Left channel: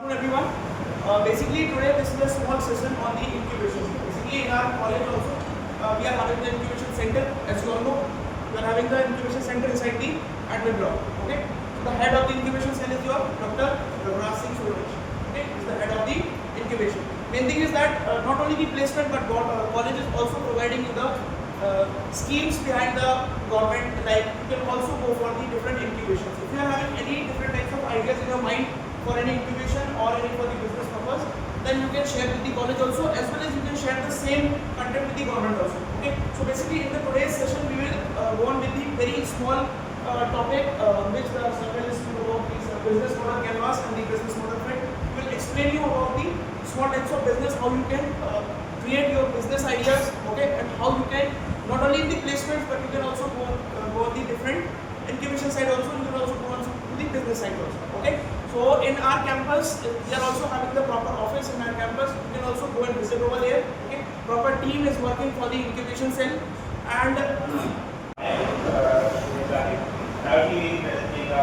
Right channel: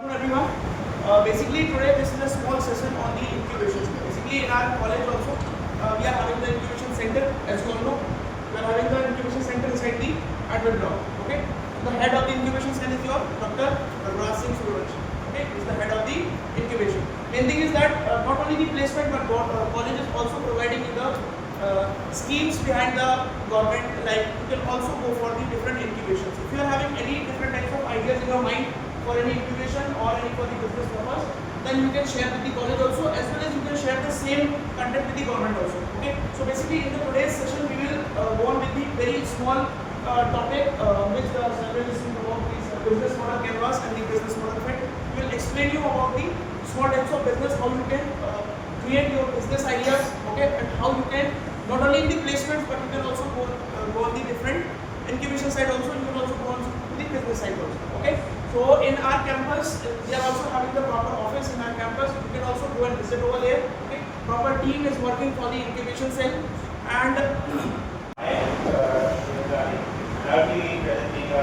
Good afternoon everyone. Basically today this is a small session on the incubation. Basically in our college also we are having the incubation center. As you all know, we are having the incubation center inside the admin block. Okay. So the head of the incubation cell is your Dr. Singh. Okay, is the head of the incubation. Main thing is that not only the placement but college is also providing you the schemes behind the government. Like you can also go for the different incubations. If you are having any different types of ideas in your mind for any incubation or any for the business purpose, then you can share with the college also, as well as you can share the same content with the government also. Okay. So basically in the today's session we will go on with the very small topic which the central is about this business model canvas and the business model fit. We will explain you about the small types of business, how you can create your business ideas, okay, and how you can not only in the placements but you can also go on the different incubation side also. You can also go on to the business side also. Okay. So in our campus, we are also having the proper office in our campus. You can also go and visit over there. Okay. Proper team is working for the incubation cell, and I'll be presenting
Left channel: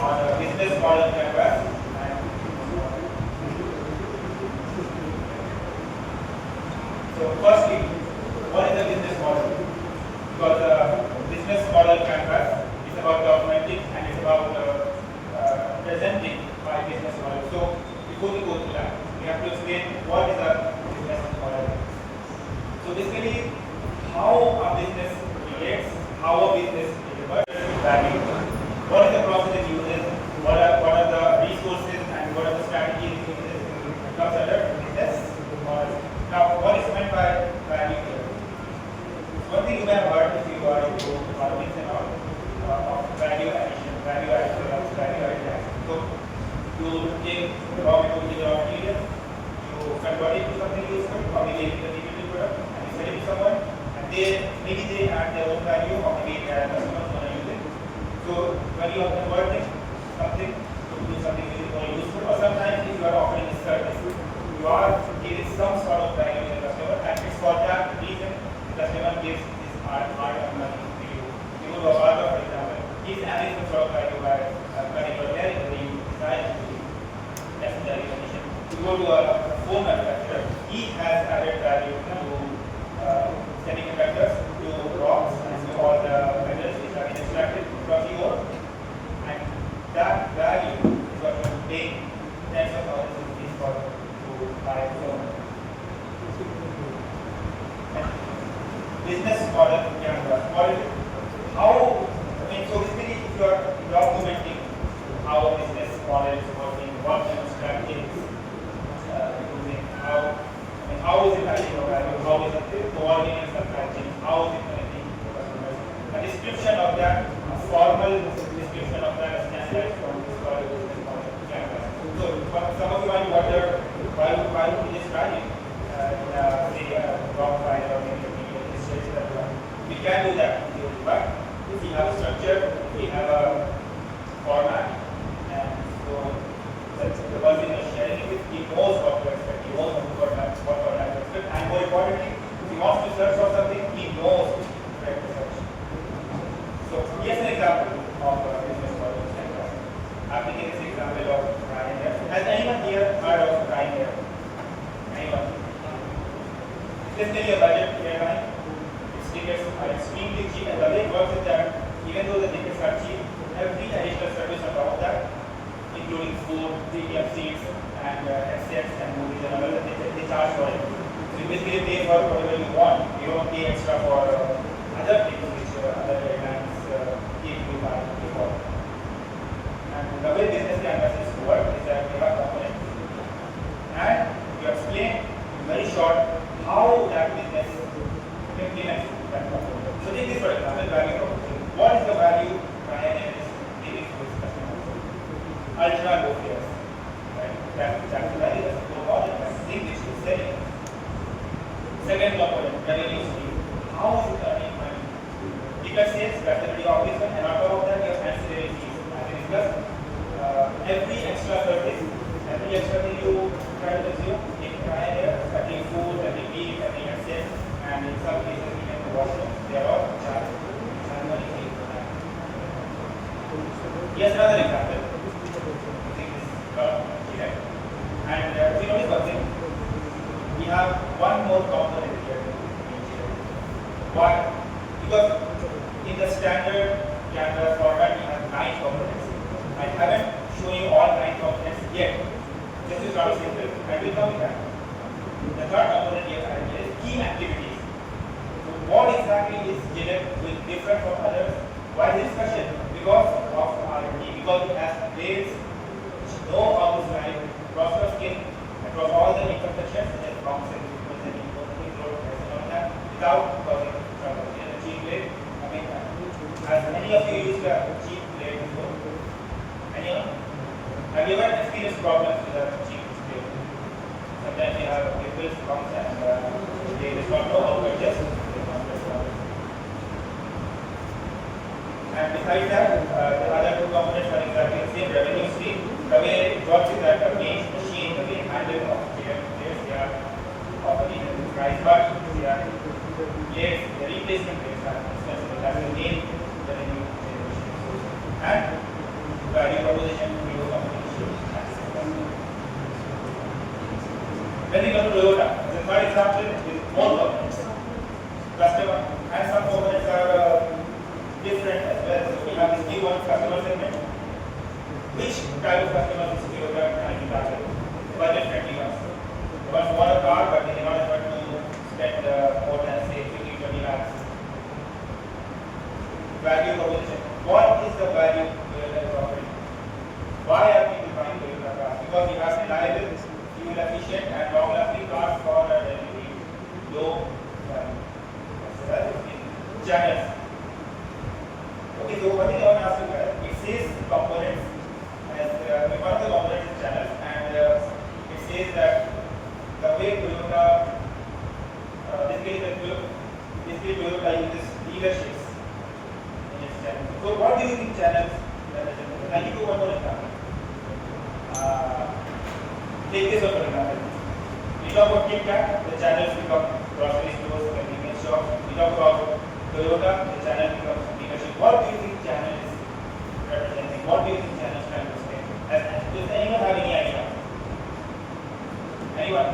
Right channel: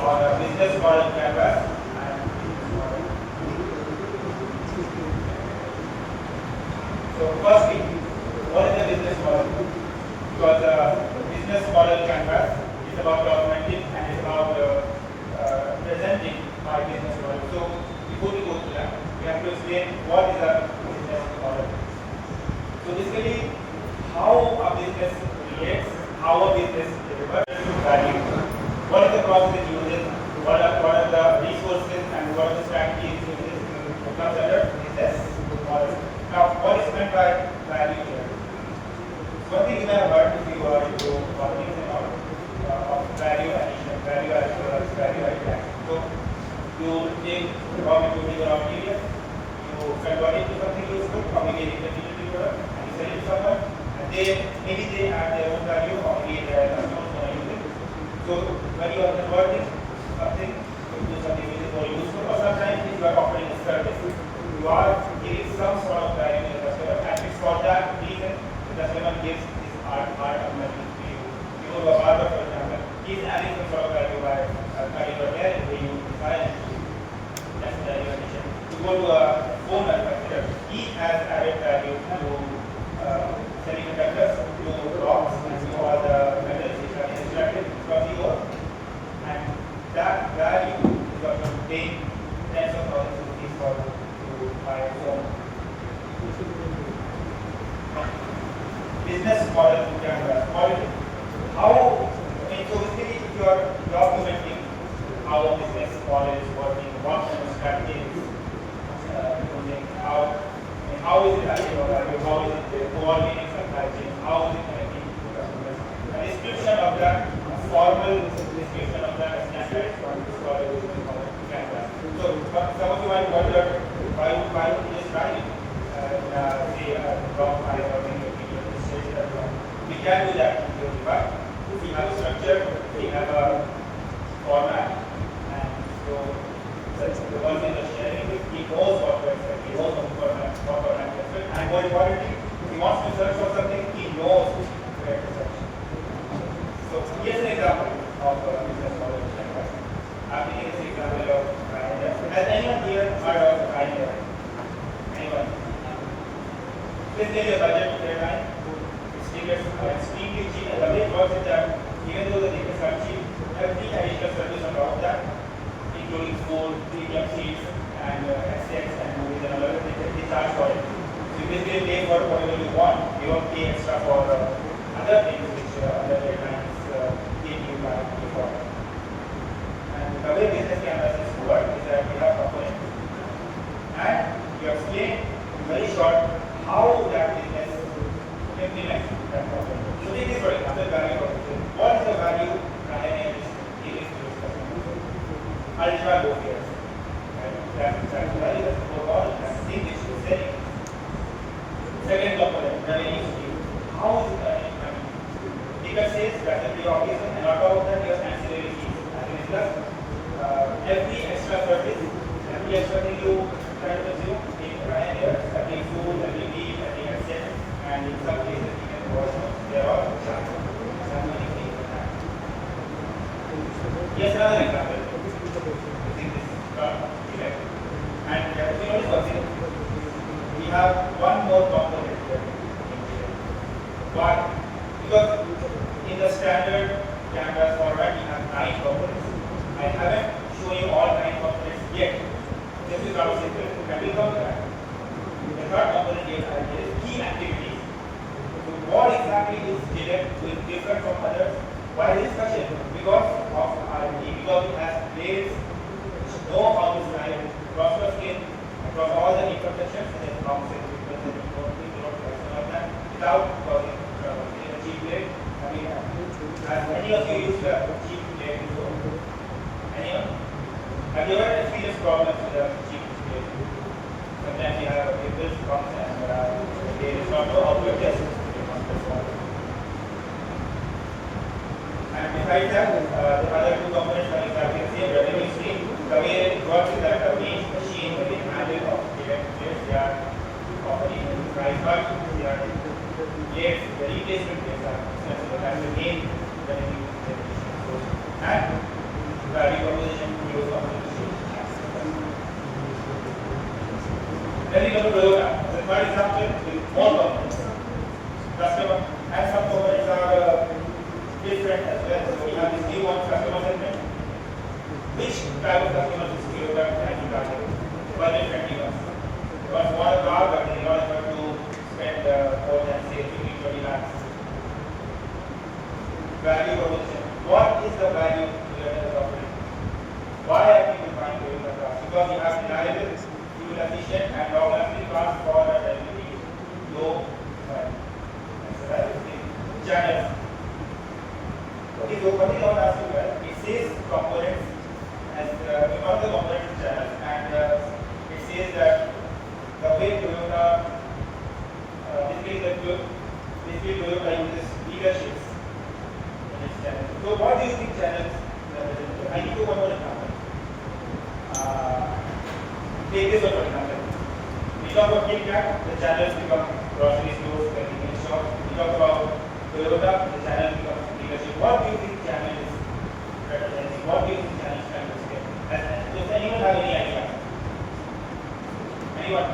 on a business model canvas. So firstly, what is the business model? Because the business model canvas is about documenting and it's about presenting my business model. So before we go to that, we have to explain what is a business model. So basically, how a business creates, how a business delivers value, what is the process it uses, what are the resources and what are the strategies it uses, comes under business model. Now, what is meant by value here? One thing you have heard if you are into politics and all of value addition, value addition. So you take raw material, you convert it to something useful, or maybe it is a utility product, and you sell it to someone, and maybe they add their own value, or maybe their customers want to use it. So when you are converting something to something which is more useful, or sometimes you are offering a service, you are giving some sort of value to the customer, and it's for that reason the customer gives his art of money to you. You go to a barber, for example, he's adding some sort of value by cutting your hair, the way you design. That's the value addition. You go to a phone manufacturer, he has added value to semiconductors, to rocks, and to all the metals which are extracted from the ore. And that value is what you pay tens of thousands of rupees for to buy someone. Business model canvas. How, so basically if you are documenting how a business model is working, what kind of strategy is using, how is it adding value, how is it coordinating supply chain, how is it connecting to customers. A description of that, a formal description of that standard from this business model canvas. So some of you might wonder why would we just write it say a block file or maybe we can do that in the but we have a structure, we have a format, and so the one thing is sharing it, he knows what to expect, he knows what format to expect, and more importantly, if he wants to search for something, he knows where to search. So here's an example of a business model. I'm taking this example of Pranveer. Has anyone here heard of Pranveer? Anyone? Let's take a budget airline. Tickets are extremely cheap, and the way it works is that even though the tickets are cheap, every additional service on top of that, including food, premium seats, and headsets and movies and all that, they charge for it. So you basically pay for whatever you want. You don't pay extra for other things which other airlines give you by before. And the way business canvases work is that we have components, and you explain very short how that business implements. So take this for example, value proposition. What is the value IIM is giving to its customers? Ultra low fares. Right? That's the value, that's the model, that's the thing which is selling. Second component, revenue stream. How is it earning money? Ticket sales, that's the pretty obvious one, and on top of that, you have ancillary fees. As we discussed, every extra service, every extra thing you try to consume in IIM, adding food, adding beef, adding assets, and in some cases, they are all charged. Here's another example. Using this term direct. And if you notice one thing, we have one more component here in direct. Why? Because in the standard canvas format, we have 9 components. I haven't shown you all 9 components yet. This is how simple. I will come to that. The third component here is key activities. So what exactly is direct with different from others? Why this question? Because of R&D. Because there is no obvious line cross skin across all the intersections such as long centimeters and without causing trouble. In a cheap way, I mean, as many of you use the cheap way before. Anyone? Have you ever experienced problems with the cheap way? Sometimes you have people's problems and they do not know how to adjust. And besides that, the other 2 components are exactly the same revenue stream. The way it works is that the main machine, the main handle of direct players, they are already price cut, they are plates, the replacement plates are accessible. That's the main revenue generation source. And value proposition to competition. Then we come to Toyota. The third example with more components. Customer and some components are different as well. So we have this T1 customer segment. Which type of customers is Toyota trying to target? Well, differently ones. Ones who want a car but they not able to spend more than say 50-20 lakhs. Value proposition. What is the value Toyota is offering? Why are people buying Toyota cars? Because you have reliable, fuel efficient and long lasting cars for a relatively low value. That's the channels. Okay, so one thing I want to ask you guys, it says components as one of the components is channel, and it says that the way Toyota basically Toyota uses leaderships in its channel. So what do you think channels represent? I give you one more example. Take this one for example. We talk about KitKat, the channels become grocery stores, convenience shops. We talk about Toyota, the channel becomes leadership. What do you think channel is representing? What do you think channel is trying to say? Does anyone have any idea? Anyone?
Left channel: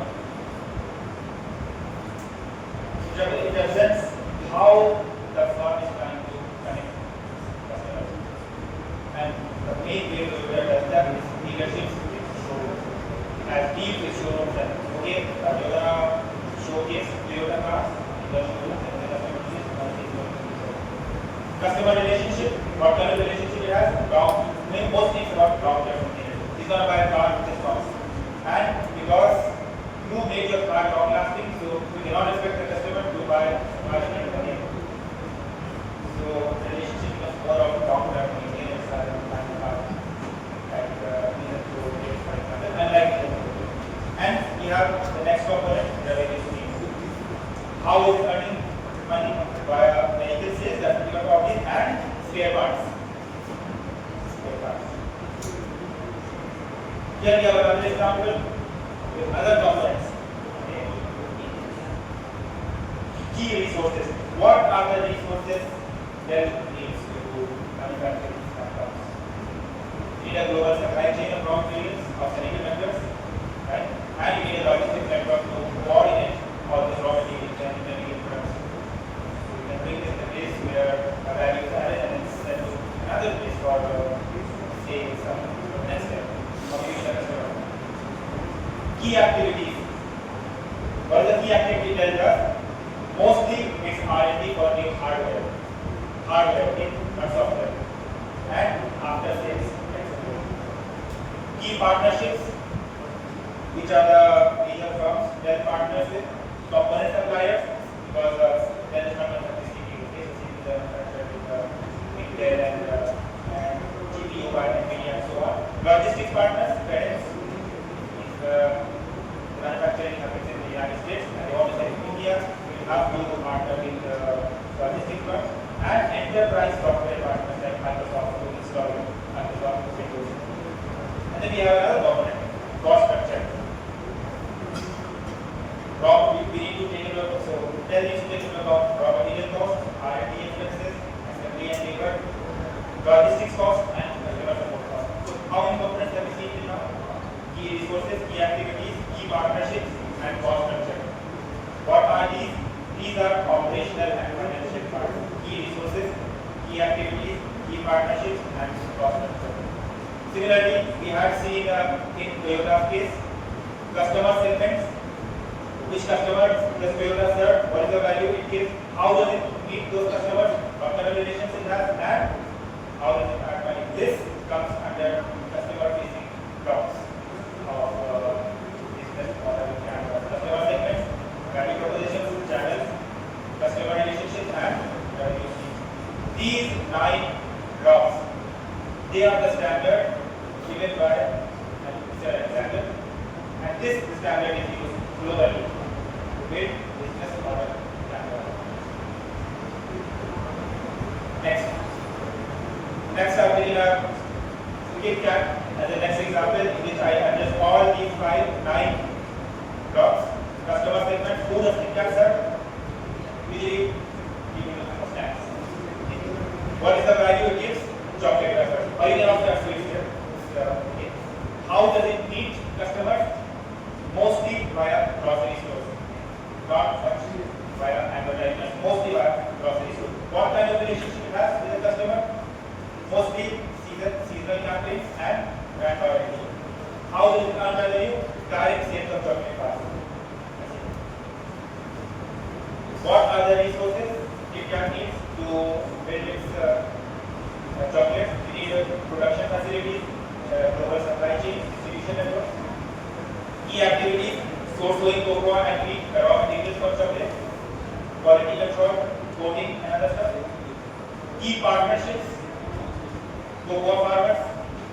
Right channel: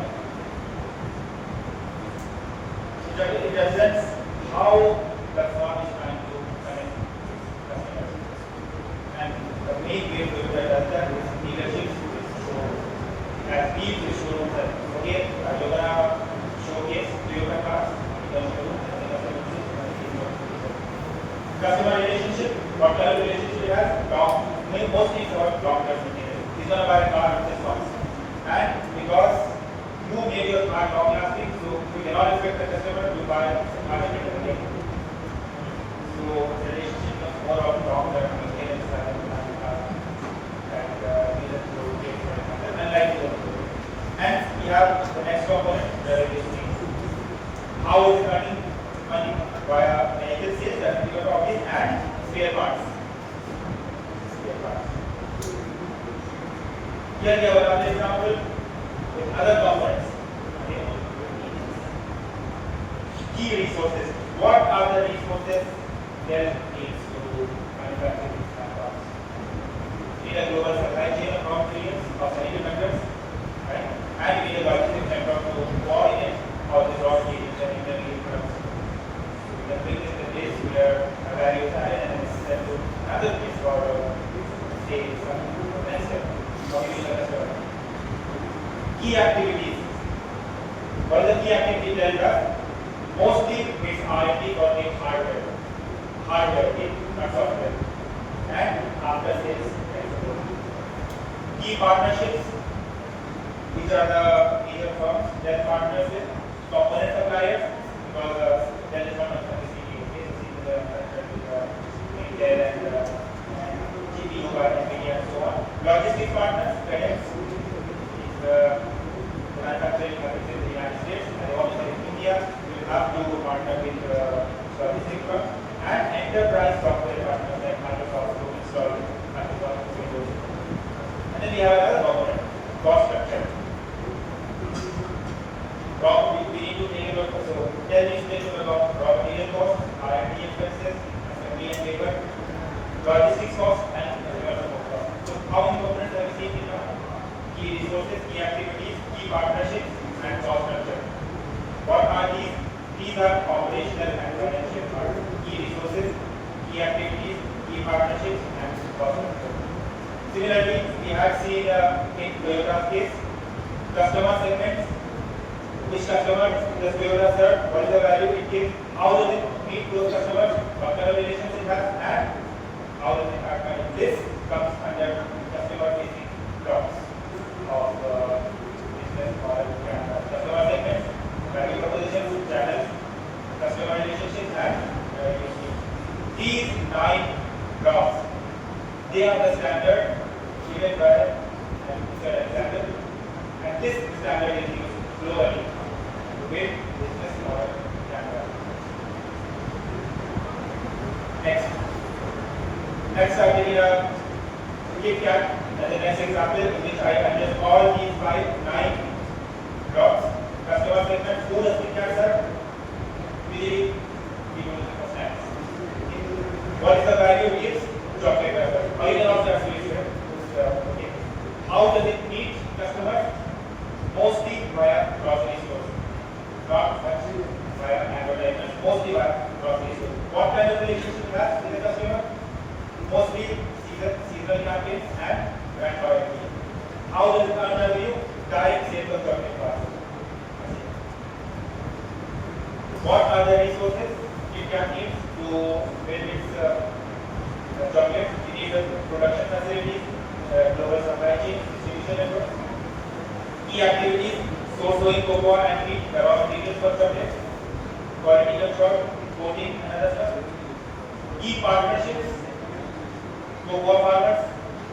It represents how the firm is trying to connect customers. And the main way Toyota does that is leadership with showrooms. As deep with showrooms and okay, Toyota showcase Toyota cars in the showrooms and the customer relationship, what kind of relationship it has? Mostly for long-term maintenance. He's going to buy a car which is cost. And because you made your car long-lasting, so you cannot expect the customer to buy a car again. So the relationship becomes more of long-term maintenance and unlike the and we have the next component, the revenue. How is it earning money? Via vehicle sales that we are talking and spare parts. Here we have another example with other components. Okay. Key resources. What are the resources that needs to manufacture these parts? We need a global supply chain of raw materials of semiconductors, right? And we need a logistics network to coordinate how this raw materials and intermediate products. Bring this in a place where a value is added and it's sent to another place for say some next step. Key activities. What is the key activity that does? Mostly it's R&D for the hardware, not software, and after sales. Key partnerships, which are the major firms that partners with component suppliers, because there is not much Intel and GPU by NVIDIA and so on. Logistics partners, FedEx, if the manufacturing happens in the United States and they want to sell in India, we will have to partner with logistics firms and enterprise software partners like Microsoft to install Microsoft Windows. And then we have another component, cost structure. We need to take a look. So tell me about raw material cost, R&D expenses, assembly and labor, logistics cost, and customer support cost. So how many components have we seen in now? Key resources, key activities, key partnerships, and cost structure. What are these? These are operational and financial parts. Key resources, key activities, key partnerships, and cost structure. Similarly, we have seen in Toyota's case, customer segments, which customers does Toyota serve, what is the value it gives, how does it meet those customers, what kind of relations it has, and how does it add value. This comes under customer facing blocks of business or customer segments, value propositions, channels, customer relationships, and relationships. These 9 blocks, they are the standard given by Mr. Example, and this standard is used globally with business model. Next, I'm taking a cricket cap as the next example in which I adjust all these 9 blocks. Customer segment, who does Kit Kat serve? Usually, people looking for snacks. What is the value it gives? Chocolate as well. Origin of that sweet here. Okay. How does it meet customers? Mostly via grocery stores. Not much via advertisements. Mostly via grocery stores. What kind of relationship it has with the customer? Mostly seasonal campaigns and brand loyalty. How does it earn revenue? Direct sales of chocolate bars. What are the resources it can need to build its chocolate? It needs production facilities, global supply chain, distribution network. Key activities, sourcing cocoa and wheat, raw materials for chocolate, quality control, coating and other stuff. Key partnerships, cocoa farmers,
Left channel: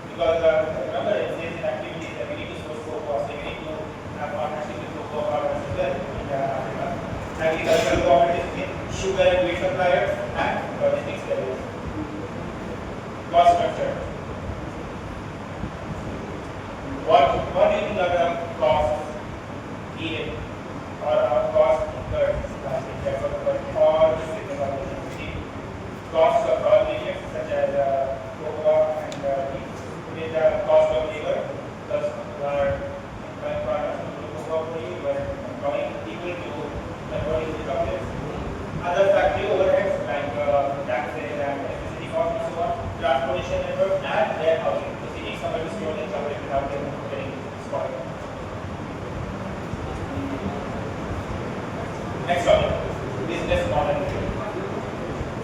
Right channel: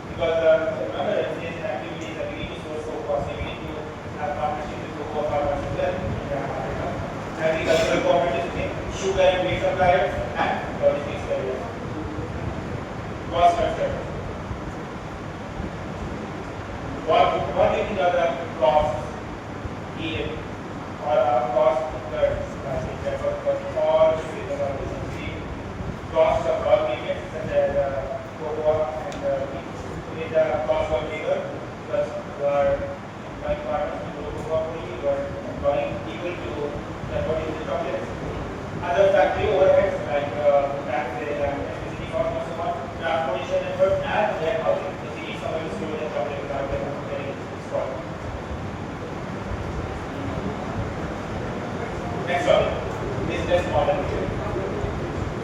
because remember it says in activities that we need to source cocoa, so we need to have partnerships with cocoa farmers as well. Agricultural cooperatives in sugar and wheat suppliers and logistics carriers. Cost structure. What do you think are the costs needed or costs incurred for all the costs of raw materials such as cocoa and wheat? It is the cost of labor plus employing farmers to do cocoa for you, or employing people to chocolates. Other factory overheads like taxes and electricity costs and so on, transportation effort and warehousing. So you need somebody to store the chocolate without them getting spoiled. Next topic, business model.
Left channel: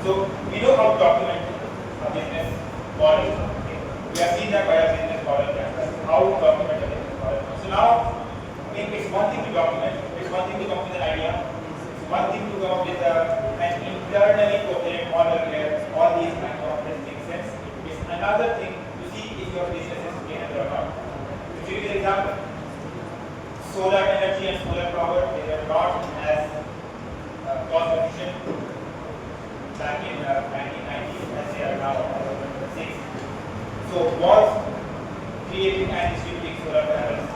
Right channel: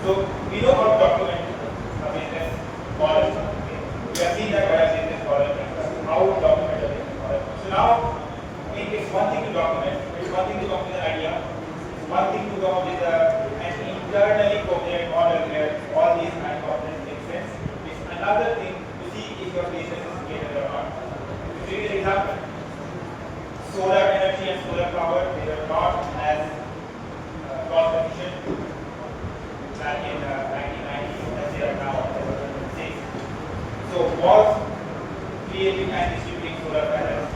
So we know how to document a business model. Okay. We have seen that by a business model, how to document a business model. So now, it's one thing to document, it's one thing to come up with an idea. One thing to come up with an internally coherent model where all these 9 components make sense. It's another thing to see if your business is scalable or not. To give you an example, solar energy and solar power, they were not as cost efficient back in 1990s as they are now. So was creating and distributing solar panels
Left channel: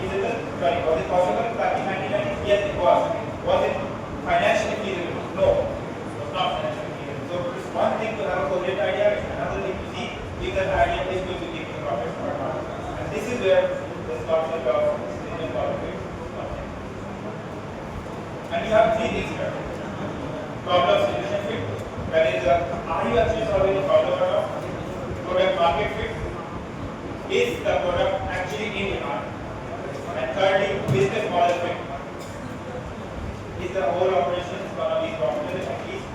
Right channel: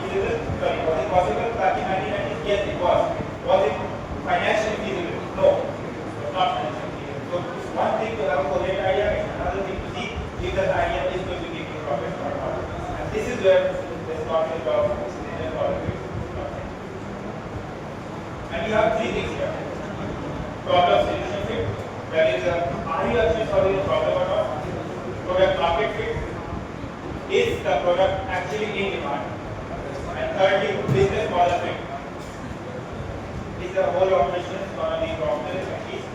feasible? Sorry, was it possible back in 1990s? Yes, it was. Was it financially feasible? No, it was not financially feasible. So it's one thing to have a coherent idea, it's another thing to see if that idea is going to give you profit or not. And this is where this concept of business model comes in. And we have 3 things here. Problem solution fit. That is, are you actually solving a problem or not? Product market fit. Is the product actually in demand? And thirdly, business model fit. Is the whole operation one of these profitable at least?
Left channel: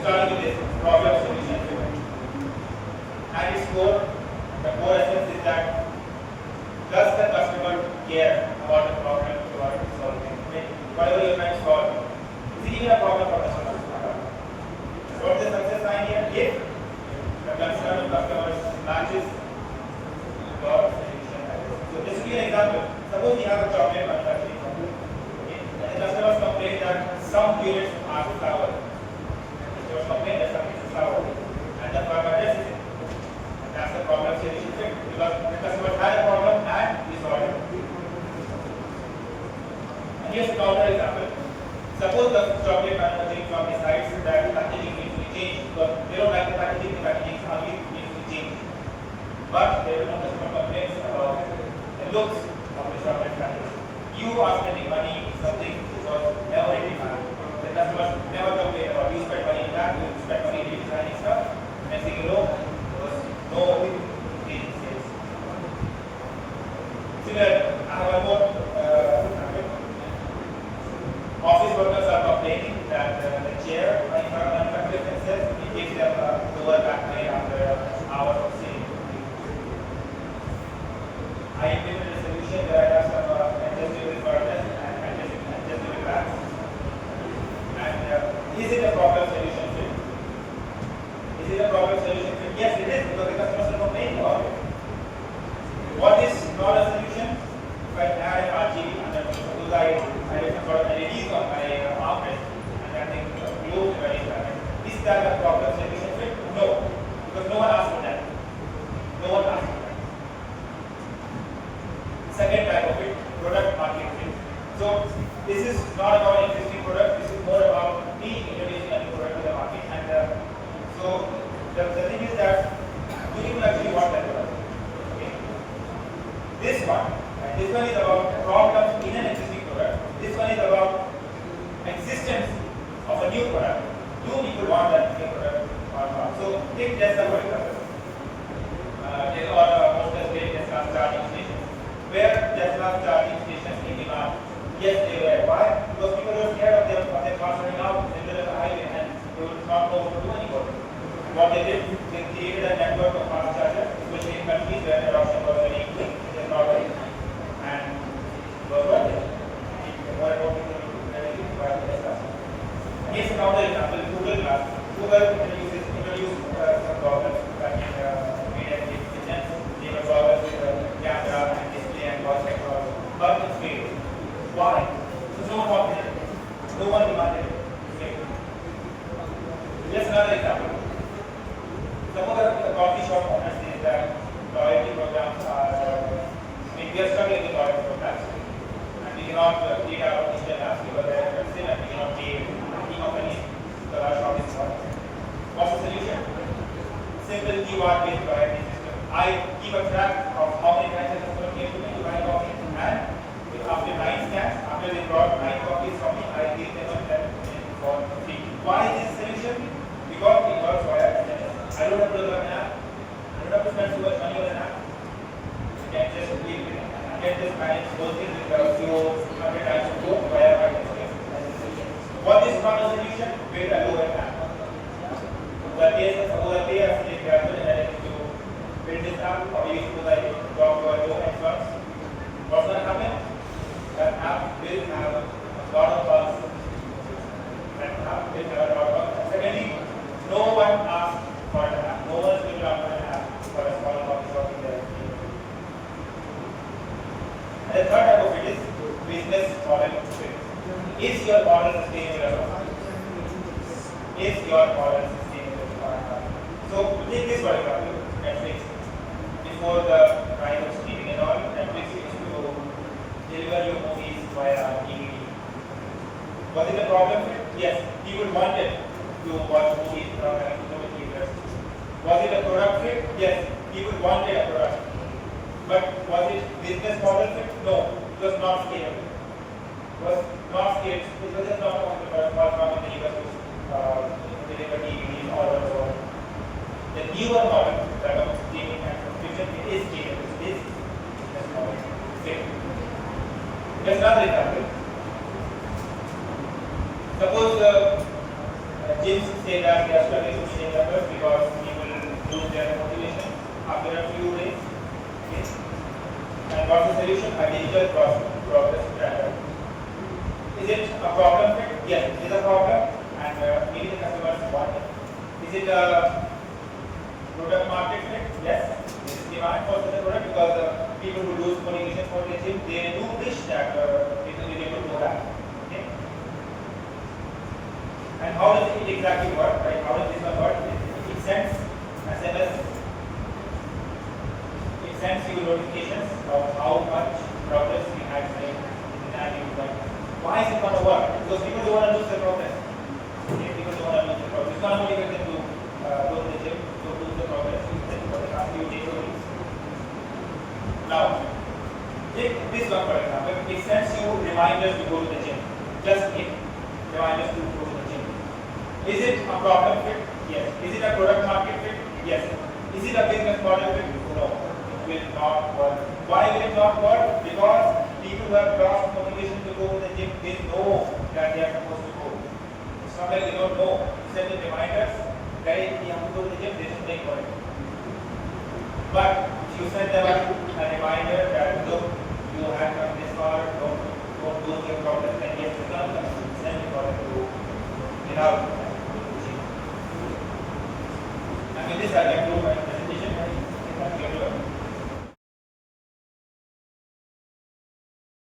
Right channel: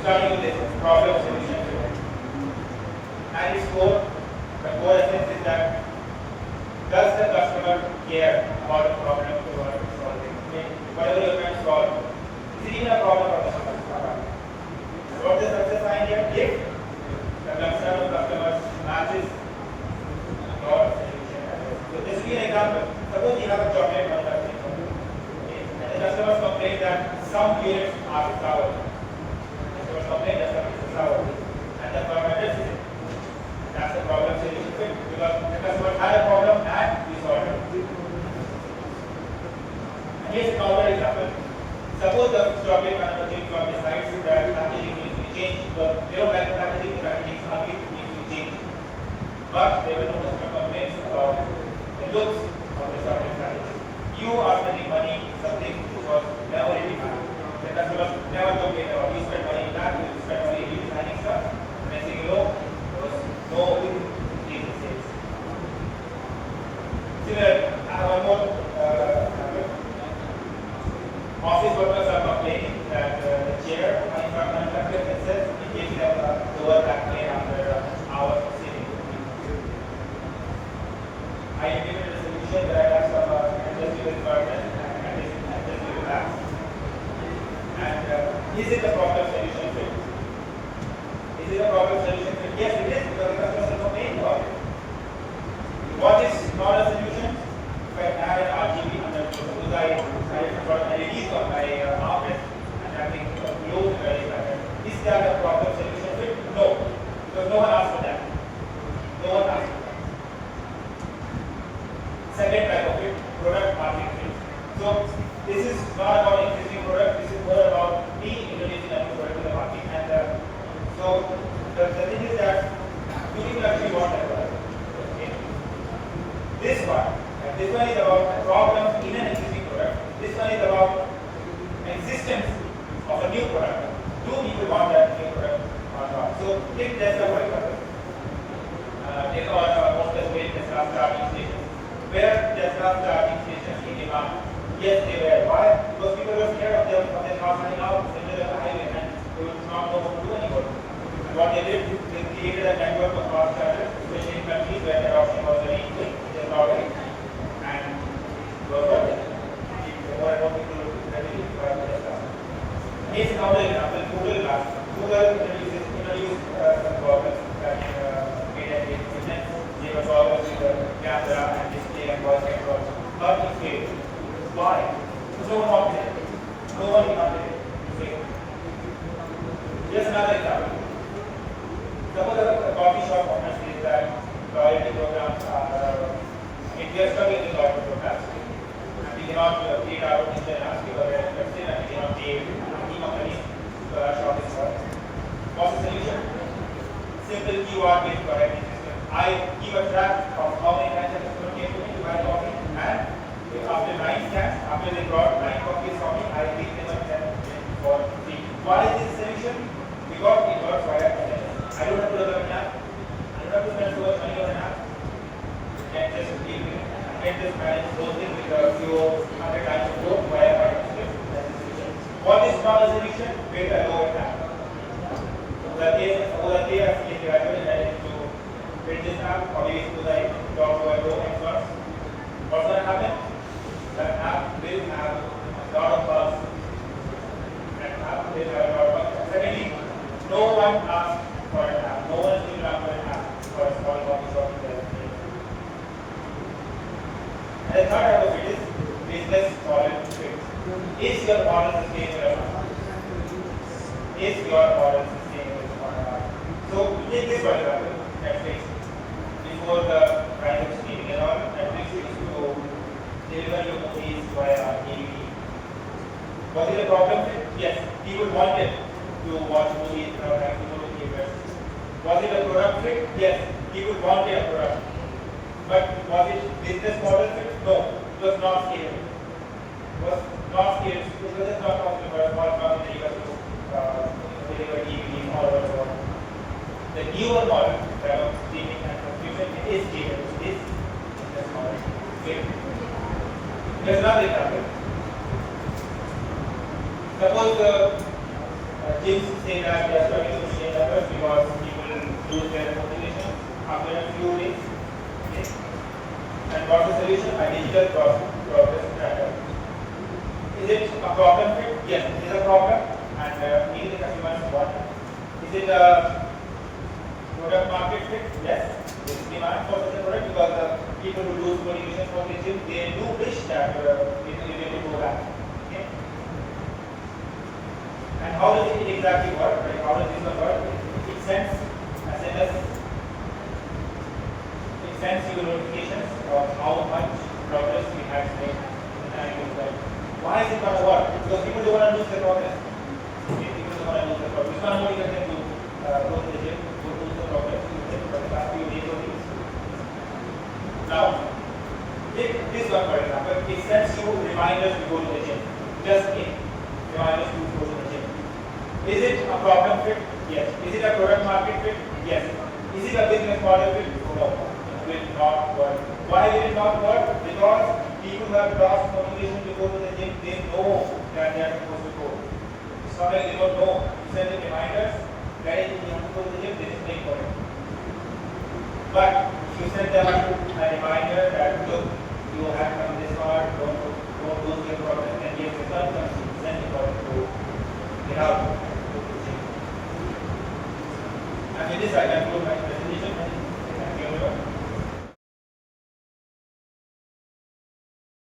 Starting with this problem solution. And its core, the core essence is that does the customer care about the problem you are solving? Whatever you are trying to solve, is it even a problem for customers? What is the success sign here? If the concern of customers matches your solution. So this will be an example. Suppose we have a chocolate manufacturing company, okay, and the customers complain that some units are sour. Customers complain that some units are sour, and the firm addresses it. That's the problem solution fit, because the customer had a problem and we solved it. And here's a counter example. Suppose the chocolate manufacturing firm decides that packaging needs to be Office workers are complaining that the chair manufacturer itself gives them a lower back pain after hours of sitting. I implemented a solution where I have some adjustable curtains and adjustable backs. And is it a problem solution fit? Is it a problem solution fit? Yes, it is, because the customers are complaining about it. What is not a solution? If I add an RGB and then suppose I put an LED on my armrest and that thing glows very well. Is that a problem solution fit? No, because no one asked for that. No one asked for that. Second type of it, product market fit. So this is not about existing product. This is more about me introducing a new product to the market. And so the thing is that we people actually want that product. Okay. This one is about problems in an existing product. This one is about existence of a new product. Do people want that new product or not? So take Tesla for example. Take our most specific Tesla charging stations. Where Tesla charging stations in demand? Yes, they were. Why? Because people were scared of their cars running out in the middle of the highway and they would not know what to do anymore. What they did, they created a network of fast chargers, especially in countries where adoption was very quick, which is Norway. And was worth it. More and more people would ready to buy Tesla. Here's another example, Google Glass. Google introduced some problems back in they were problems with the camera and display and voice control. But it failed. Why? Because no one wanted it. No one demanded it. It failed. Just another example. Some of the coffee shop owners say that loyalty programs are, we are struggling with loyalty programs. And we cannot create our own internet because they are expensive and we cannot pay any companies because our shop is small. What's the solution? Simple keyword based loyalty system. I keep a track of how many times a customer came to me to buy coffee, and after 9 scans, after they brought 9 coffees from me, I give them a 10 for free. Why is this solution? Because it works via internet. I don't have to develop an app. I don't have to spend too much money on an app. I can just keep it. I can just manage those things with a few hundred times to go via my system as a solution. What is not a solution? Build a lower app. The case of the PSIT graduate and to build this app, or maybe to like drop to a low experts. What's going to happen? That app will have a lot of bugs. That app will have a lot of bugs. Secondly, no one asks for an app. No one will come for an app for a small office or there. And the third type of it is business model fit. Is your model sustainable or not? Is your model sustainable or not? So take this for example, Netflix. Before the kind of streaming and all, Netflix used to deliver your movies via DVD. Was it a problem? Yes, people wanted to watch movies without having to go to theaters. Was it a product fit? Yes, people wanted a product. But was it business model fit? No, it was not scalable. It was not scalable. It was just not possible for a small company to deliver DVDs all over the world. The newer model, the streaming and subscription, it is scalable. It is business model fit. Here's another example. Suppose gyms say that they are struggling to stay members because people lose their motivation after a few days. Okay. And what's the solution? A digital progress tracker. Is it a problem fit? Yes, it is a problem, and many the customers want it. Is it a product market fit? Yes, there is demand for such a product because the people who lose motivation for the gym, they do wish that it will be able to go back. Okay. And how does it exactly work? Right? How does this work? It sends SMS. It sends you notifications of how much progress we have made in the annual plan. Why is it going to work? Because people don't want to lose their progress. Okay? People don't want to lose their progress. It's not motivate them to go to the gym, to lose the progress for the past few days or weeks. Now, take this one for example. It sends you reminders to go to the gym. Just reminders to go to the gym. Is it a problem fit? Yes. Is it a product market fit? Yes. Is it a business model fit? No. It will not work. Why will it not work? Because people who have lost motivation to go to the gym, they know that they are supposed to go. It's not like they don't know. You send them reminders, guys, you have to go to the gym, they just make for it. But if you send them a reminder that look, you have come this far, don't lose your progress, and yes, without them, send it for it to without. And with this I can prove my